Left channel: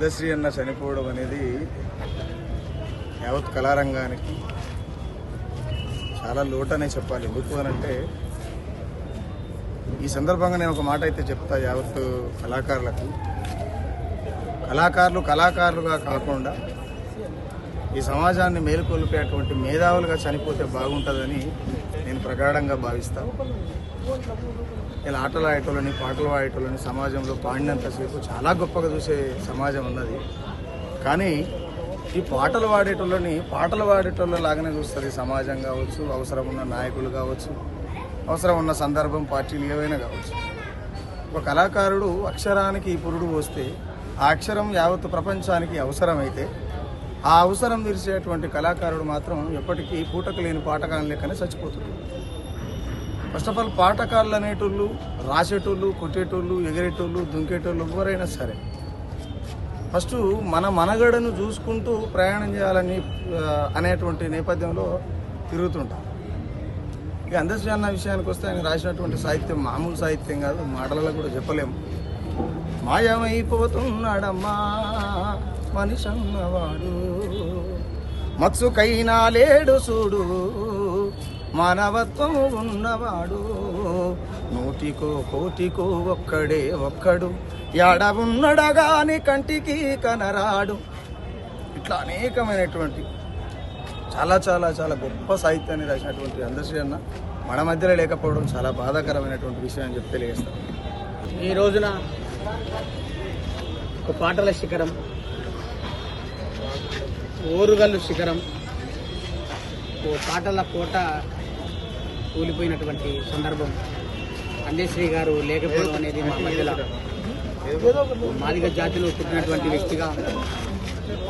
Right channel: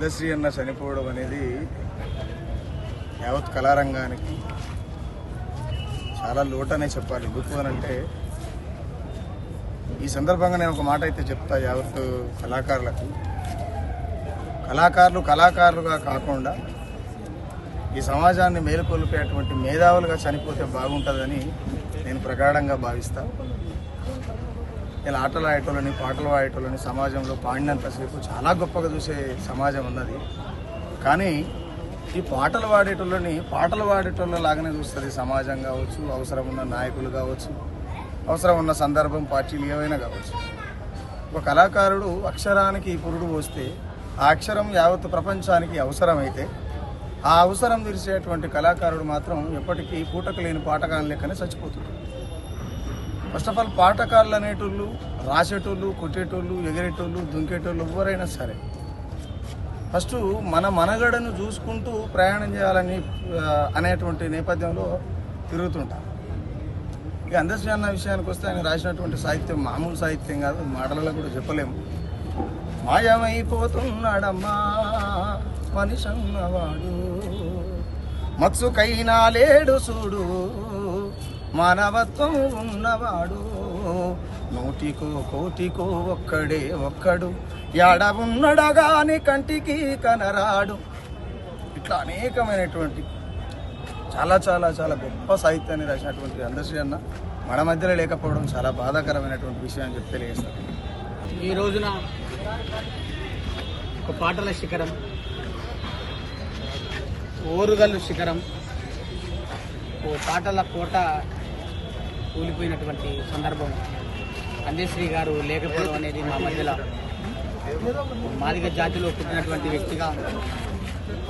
పెద్దశ్రీ అన్న చనిపోవడం అనేది యావత్ కళారంగానికి చాలా లోటనే చెప్పాలి. ఎందుకు అనంటే ఈ సందర్భంగా నేను ఒక మాట అయితే చెప్తా యావత్ కళాకారులకు. కళాకారులు కళాకారులుగా కాకుండా ఈ సమాజాన్ని మేలుకొల్పేటువంటి మేధావులుగా చనిపోతే బాగుంటుందని నేను ప్రగాఢంగా భావిస్తాను ఇలా ఆటలు ఆడేటోళ్ళని పాటలు ఆడేటోళ్ళని సమాజంలో పాడినంతసేపు చాలా గొప్పగా చూసే సమాజం ఉన్నది. కానీ ఈ పాటలు పాడేటోళ్ళని పాటలు పాడేటోళ్ళ లాగానే చూస్తుంది సమాజం కావచ్చు అవసరం ఉన్న నాయకులు కావచ్చు అవసరం ఉన్న సందర్భం పార్టీలు ఏవైనా కావచ్చు. ఒక కళాకారుడు అక్షరానికి పురుడు పోస్తే ఆ అక్షరం యావత్ ప్రపంచానికి అవసరమైతే ఆ అవసరం తీర్చేటువంటి కళాకారుడు మాత్రం ఎప్పటికీ పూటకు లేని పాటకాలం లెక్కనే చచ్చిపోతుంది ఫస్ట్ ఆఫ్ ఆల్ పాటకాళ్ళు అనేటోళ్ళు రాసేటోళ్ళు కొట్టేటోళ్ళు ఎగిరేటోళ్ళు దుంకేటోళ్ళు ఎవరైనా సరే. ఫస్ట్ మన మనగడను చూసుకుంటూ ప్రయాణం చేయాలని అనేటువంటి నేపథ్యంలో తిరుగుతుంటాం. ఇక అందశ్రీ అన్న విషయానికి వస్తే ఆయన రాసినటువంటి సాహిత్యం మామూలు సాహిత్యం కాదు మాటలలో కూడా చెప్పలేము మాయమైపోతున్నాడమ్మా మనిషి అన్నవాడు మత్సుకైనా లేడు చూడు. మానవత్వం ఉన్నవాడు. నూటికో కోటికో ఒక్కడే ఒక్కడు. యాడ ఉన్నడగాని కంటికి కనరాడు. ఇట్లా అనేకమైనటువంటి చాలా చాలా చాలా గొప్ప సాహిత్యాన్ని రాసినటువంటి అందశ్రీ అన్న. మన మధ్యలో లేకపోవడం చాలా బాధాకరమైనటువంటి విషయం అని చెప్పి తెలియజేస్తాం ఈ రోజున ఒక పాటల శిఖరం ఓరుగల్లు శిఖరం ఓ పాటల కోట కూలిపోయినటువంటి సందర్భం. అందేశ్రీ గారు లేకపోవడం అనేది మా మధ్యలో మాదిగ జాతిలో పుట్టినటువంటి వ్యక్తిగా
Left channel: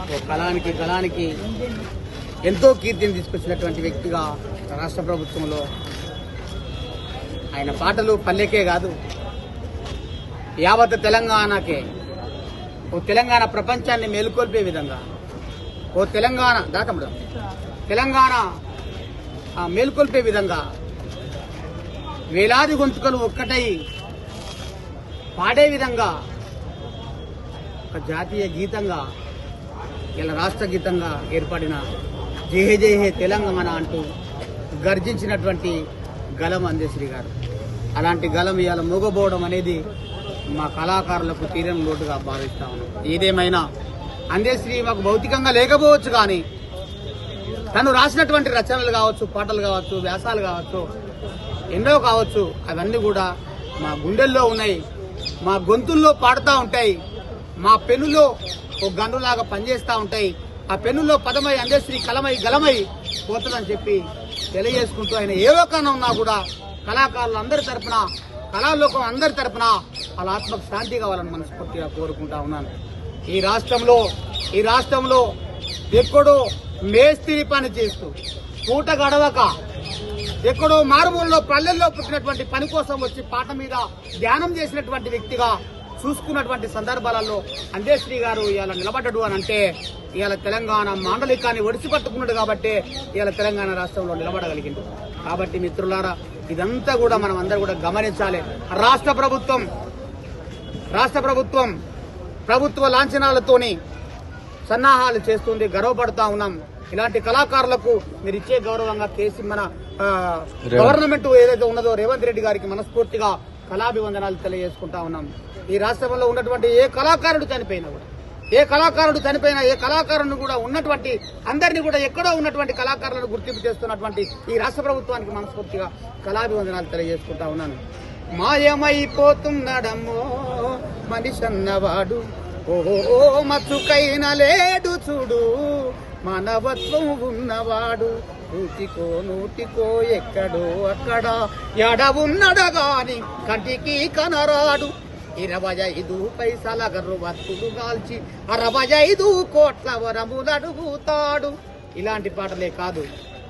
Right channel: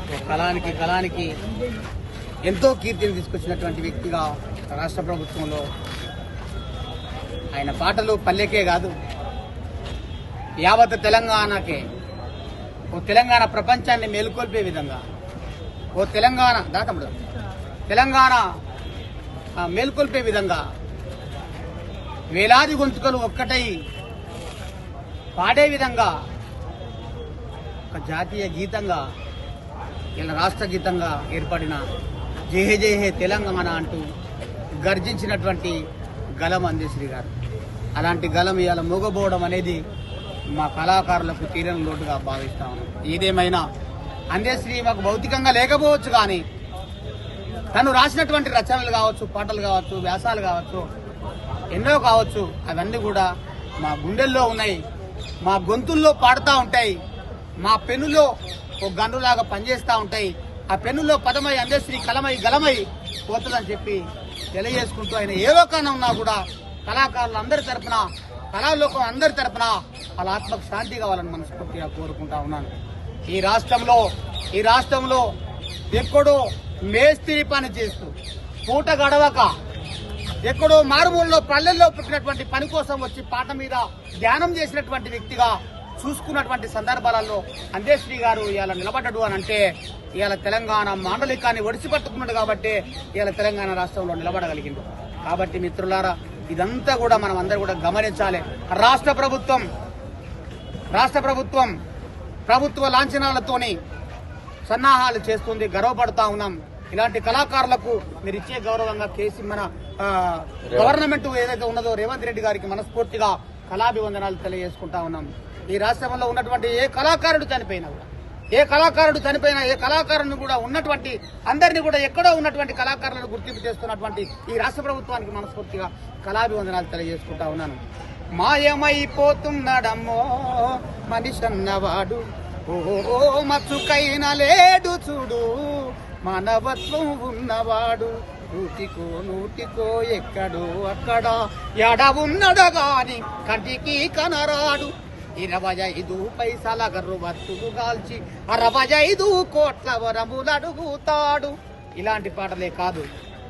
ఓ కళానికి కళానికి ఎంతో కీర్తిని తీసుకొచ్చినటువంటి వ్యక్తిగా రాష్ట్ర ప్రభుత్వంలో ఆయన పాటలు పల్లెకే కాదు యావత్ తెలంగాణకే ఓ తెలంగాణ ప్రపంచాన్ని మేలుకొల్పే విధంగా ఓ తెలంగాణ దాకముడు తెలంగాణ మేల్కొల్పే విధంగా వేలాది గొంతుకలు ఒక్కటై పాడే విధంగా ఒక జాతీయ గీతంగా ఇలా రాష్ట్ర గీతంగా ఏర్పడిన జేహే జేహే తెలంగాణ అంటూ గర్జించినటువంటి గలం అందేశ్రీ గారు. అలాంటి గలం ఇవాళ మూగబోవడం అనేది మా కళాకారులకు తీరని లోటుగా భావిస్తా ఉన్నాం. ఏదేమైనా అందేశ్రీ మాకు భౌతికంగా లేకపోవచ్చు కానీ తను రాసినటువంటి రచనలు కావచ్చు పాటలు కావచ్చు వ్యాసాలు కావచ్చు ఎన్నో కావచ్చు అవన్నీ కూడా మా గుండెల్లో ఉన్నాయి. మా గొంతుల్లో పాడుతూ ఉంటాయి. మా పెనులో ఒక గన్నులాగా పనిచేస్తూ ఉంటాయి. ఆ పెన్నులో పదమై అందశ్రీ కలమై గలమై పోతుందని చెప్పి తెలియజేసుకుంటూ ఆయన ఏ లోకాన ఉన్నా కూడా కళాకారులు అందరి తరపున కళాలోకం అందరి తరపున వాళ్ళ ఆత్మకు శాంతి కావాలని మనస్ఫూర్తిగా కోరుకుంటా ఉన్నాను. ఈ రాష్ట్రంలో ఈ రాష్ట్రంలో ఎక్కడో మేస్త్రి పని చేస్తూ పూట గడవక ఎక్కడో మారుమూలలో పల్లెల్లో పుట్టినటువంటి పని కోసం వచ్చి పాట మీద ధ్యానం చేసినటువంటి వ్యక్తిగా చూసుకున్నటువంటి సందర్భాలలో అందేశ్రీ గారు ఇవాళ నిలబడ్డాడు అని అంటే ఇవాళ తెలంగాణ మాండలికాన్ని ఒడిచిపట్టుకున్నాడు కాబట్టి ఇవాళ తెలంగాణ రాష్ట్రంలో నిలబడగలిగింది కాబట్టి మిత్రులారా ఇదంతా కూడా మనం అందరూ కూడా గమనించాలి. రాష్ట్ర ప్రభుత్వం రాష్ట్ర ప్రభుత్వం ప్రభుత్వ లాంఛనాలతోని సన్నాహాలు చేస్తుంది గర్వపడతా ఉన్నాం. ఇలాంటి కళాకారులకు మీరు ఇచ్చే గౌరవంగా కేసీ మన గవర్నమెంట్ ఏదైతే ఉన్నదో రేవంత్ రెడ్డి గారికి మనస్ఫూర్తిగా కళాభివందనాలు తెలియజేసుకుంటా ఉన్నాం. ఈ రాష్ట్రంలో ఉన్నటువంటి ఏ కళాకారుడు చనిపోయినా కూడా ఏ కళాకారుడు చనిపోయినా ఏ కళాకారుని కూడా ఉన్నటువంటి అందరినీ కూడా ఎక్కడో ఉన్నటువంటి కళాకారులను గుర్తింపు చేస్తున్నటువంటి ఈ రాష్ట్ర ప్రభుత్వానికి మనస్ఫూర్తిగా కళాభివందనాలు తెలియజేసుకుంటా ఉన్నాను. మాయమైపోతున్నాడమ్మో మనిషి ఓహో ఓ మచ్చుకైన లేడు చూడు. మానవత్వం ఉన్నవాడు. నూటికో నూటికో ఎక్కడో అక్కడ ఎడ ఉన్నడు గాని కంటికి కనరాడు. ఇరవై ఐదు పైసల గర్రు వత్తులు గాల్చి అరవై ఐదు కోట్ల వరములు అడుగుతాడు. ఇలాంటి పాటలే కాదు.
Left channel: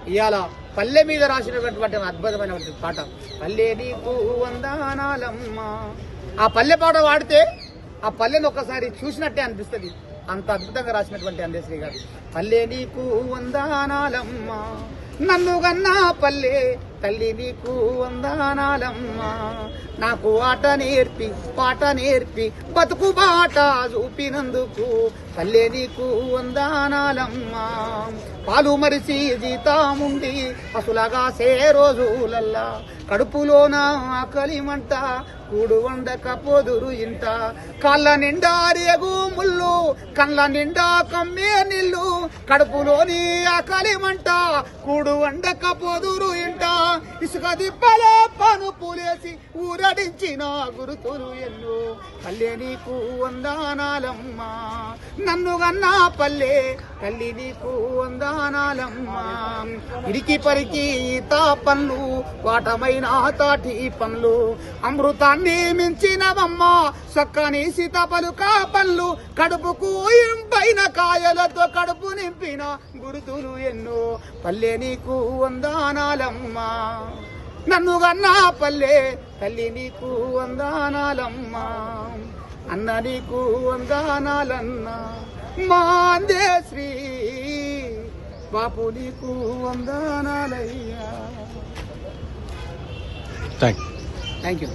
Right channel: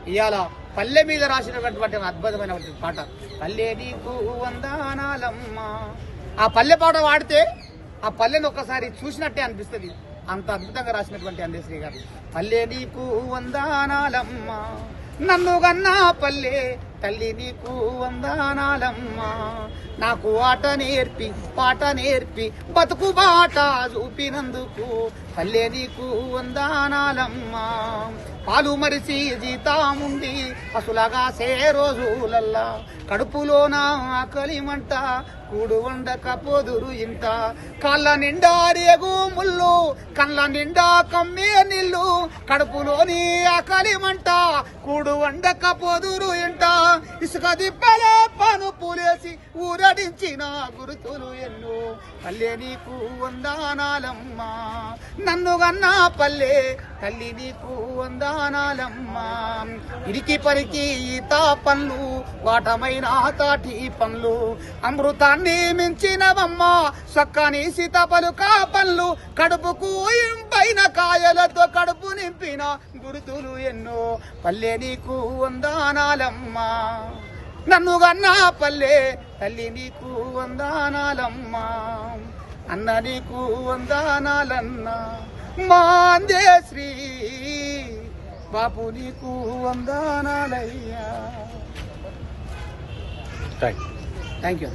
ఇవాళ పల్లె మీద రాసినటువంటి అద్భుతమైనటువంటి పాట. పల్లె నీకు వందానాలమ్మా. ఆ పల్లె పాట వాడితే ఆ పల్లెని ఒక్కసారి చూసినట్టే అనిపిస్తుంది. అంత అద్భుతంగా రాసినటువంటి అందేశ్రీ గారు. పల్లె నీకు వందానాలమ్మా. నన్ను గన్నా పల్లె తల్లి నీకు వందనాలమ్మా. నాకు ఆట నేర్పి పాట నేర్పి బతుకు బాట చూపినందుకు పల్లె నీకు వందనాలమ్మా. పాలు మరిచి జీతాముండి అసులగా సే రోజులల్లా. కడుపులోన ఆకలిమంట కూడు వండక పొదురు ఇంట. కళ్ళ నిండా రేగు ముళ్ళు కళ్ళ నిండా కమ్మే నిల్లు. కడుపులోని ఆకలిమంట కూడు వండక పొదురు ఇంట. ఇసుక దిబ్బలో పనుపులేసి ఊరడించిన గురుతులు ఎన్నో. పల్లె నీకు వందానాలమ్మా. నన్ను గన్నా పల్లె తల్లి నీకు వందానాలమ్మా. ఇరికి పరికి తా పనులు వాటమైన తాటి పనులు అమృతాన్ని మించినవమ్మా సక్కని సీతాపలు కా పనులు కడుపుకు ఇంపైన కాయలతో కడుపు నింపిన గురుతులు ఎన్నో. పల్లె నీకు వందానాలమ్మా. నన్ను గన్నా పల్లె తల్లి నీకు వందానాలమ్మా అన్న నీకు వందానాలన్నా. మాందే శ్రీ బాపు నీకు వందానాలయ్యా. Thank thank you